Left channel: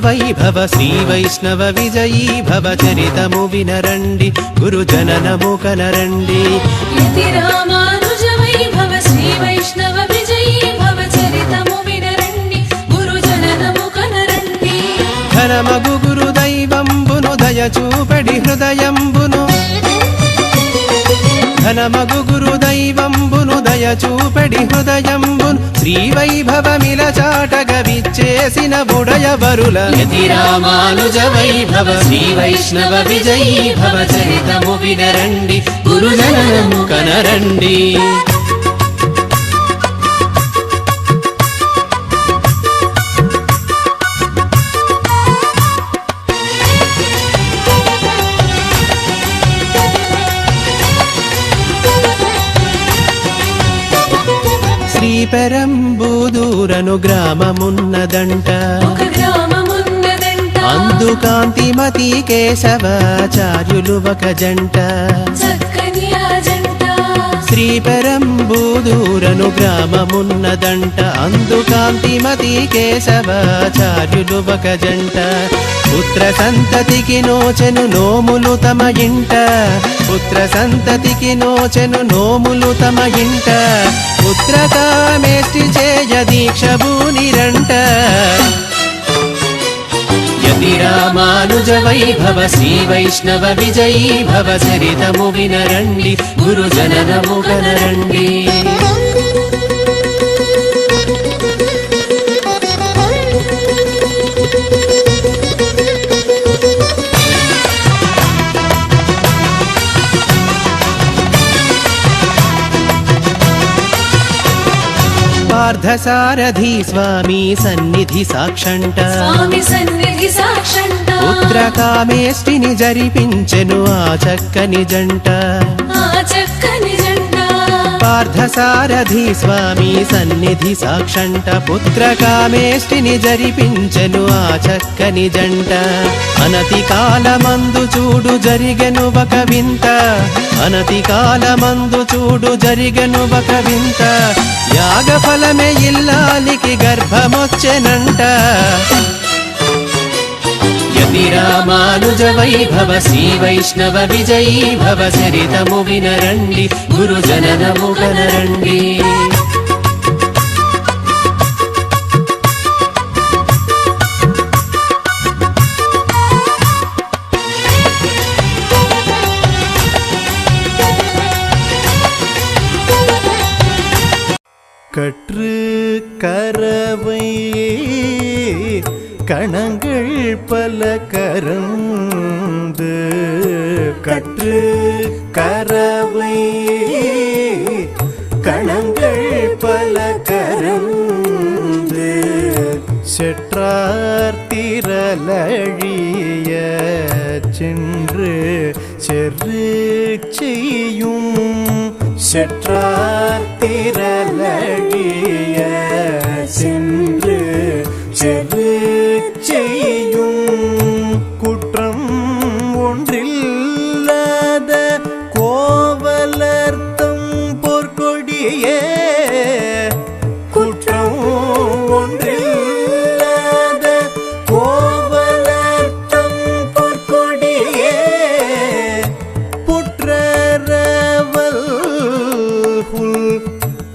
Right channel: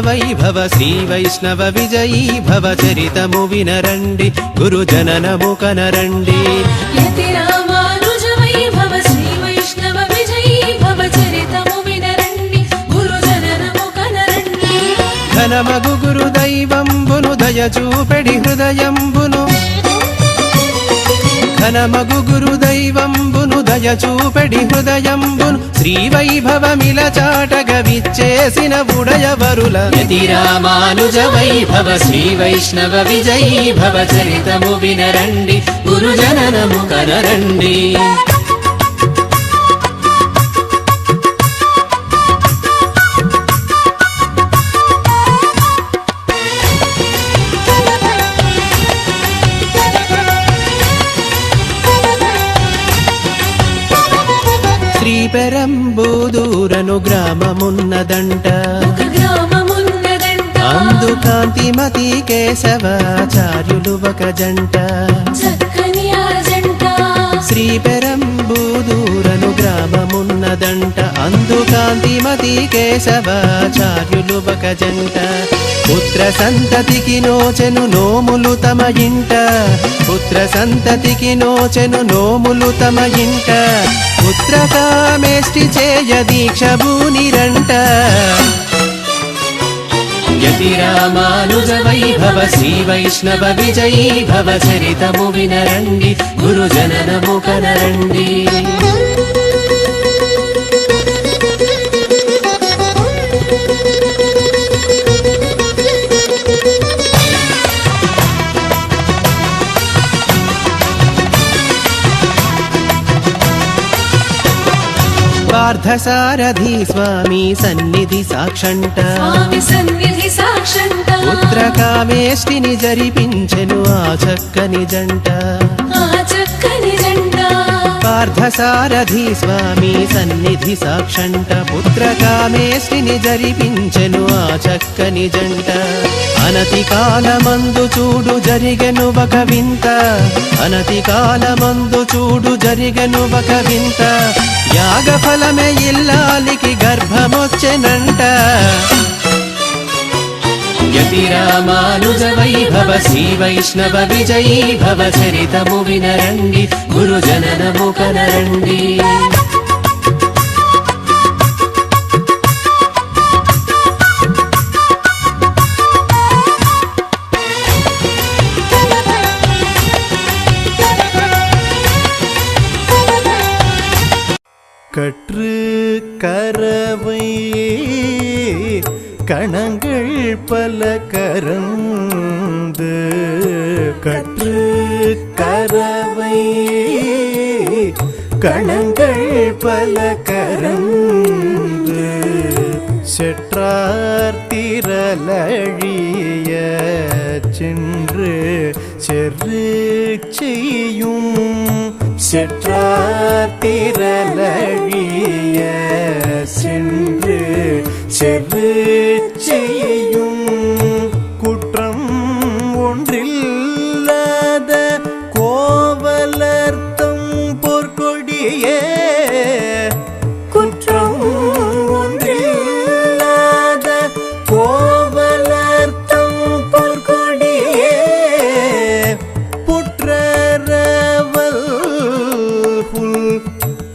వైభవ శ్రీ వైష్ణవ విజయీ భవ చరితము వినరండి గురు జననము కనరండి ఘనమగు గురు దైవంబును దయ చూపెడి హృదయంబును ఘనమగు గురు దైవంబును దయ చూపెడి హృదయంబును శ్రీ వైభవమిల చాటగ విచ్చేసిన బుడయవరుల రామానుజ వైభవ శ్రీ వైష్ణవ విజయీ భవ చరితము వినరండి గురు జననము కనరండి పెరంబూదూరను గ్రామమున్నదంట అందు కాంతిమతి కేశవాచార్యులు ఒక జంట శ్రీ పెరంబూదూరను గ్రామమున్నదంట అందు కాంతిమతి కేశవాచార్యులు ఒక జంట పుత్ర సంతతికి నోచెను నోములు తమ ఇంట పుత్ర సంతతికి నోచెను నోములు తమ ఇంట పుత్రకామేష్టి చేయ దీక్ష భూనిరంట రామానుజ వైభవ శ్రీ వైష్ణవ విజయీ భవ చరితము వినరండి గురు జననము కనరండి సారథి స్వామి సన్నిధి సాక్షంట పుత్రకామేష్టిని జరిపించెను ఆ చక్కని జంట పార్థసారథి స్వామి సన్నిధి సాక్షంట పుత్రకామేష్టిని జరిపించెను ఆ చక్కని జంట అనతి కాలమందు చూడు జరిగెను ఒక వింత అనతి కాలమందు చూడు జరిగెను ఒక వింత యాగ ఫలమే ఇల్లానికి గర్భమొచ్చెనంట రామానుజ వైభవ శ్రీ వైష్ణవ విజయీ భవ చరితము వినరండి గురు జననము కనరండి கற்று கரவை கணங்கள் பல கரந்து கற்று கரவை கணங்கள் பல கரந்து செற்றார் திரளழிய சென்று செரு செய்யும் செற்றார் திரளழிய சென்று செரு செய்யும் குற்றம் ஒன்றில்லாத கோவலர்த்தம் பொற்கொடியே குற்றம் ஒன்றில்லாத கோவலர்த்தம் பொற்கொடியே புற்றரவல்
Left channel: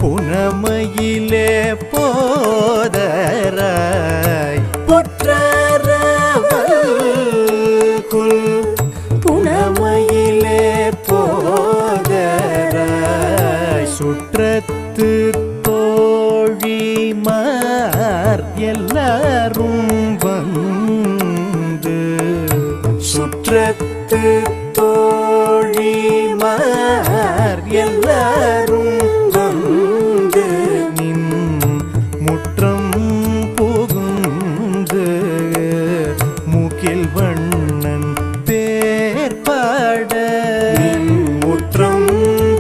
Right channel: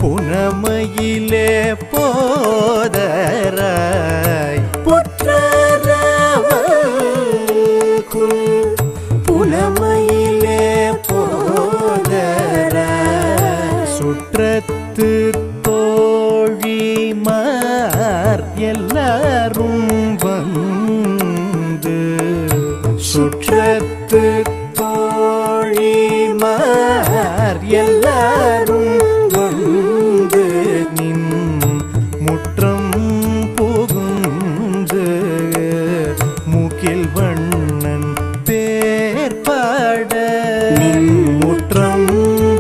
புனமையிலே போதராய் புனமையிலே போதராய் சுற்றத்து தோழிமார் எல்லாரும் வந்து சுற்றத்து தோழிமார் எல்லாரும் வந்து நின் முற்றம் புகுந்து முகில் வண்ணன் பேர் பாட முற்றம்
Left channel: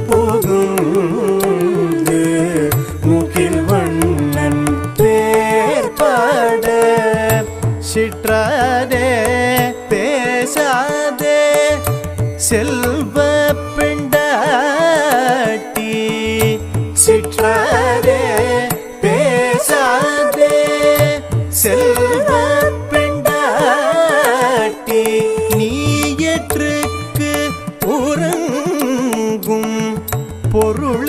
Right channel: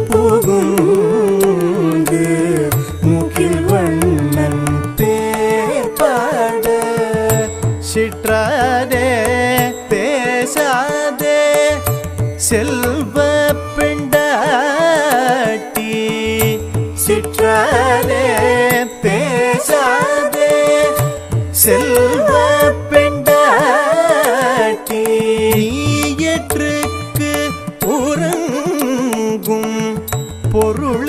புகுந்து முகில் வண்ணன் பேர் பாட சிற்றாதே பேசாதே செல்வ பெண்டாட்டி சிற்றாதே பேசாதே செல்வ பெண்டாட்டி போற்றுக்கு உறங்கும் பொருளேலோரெம்பாவாய்.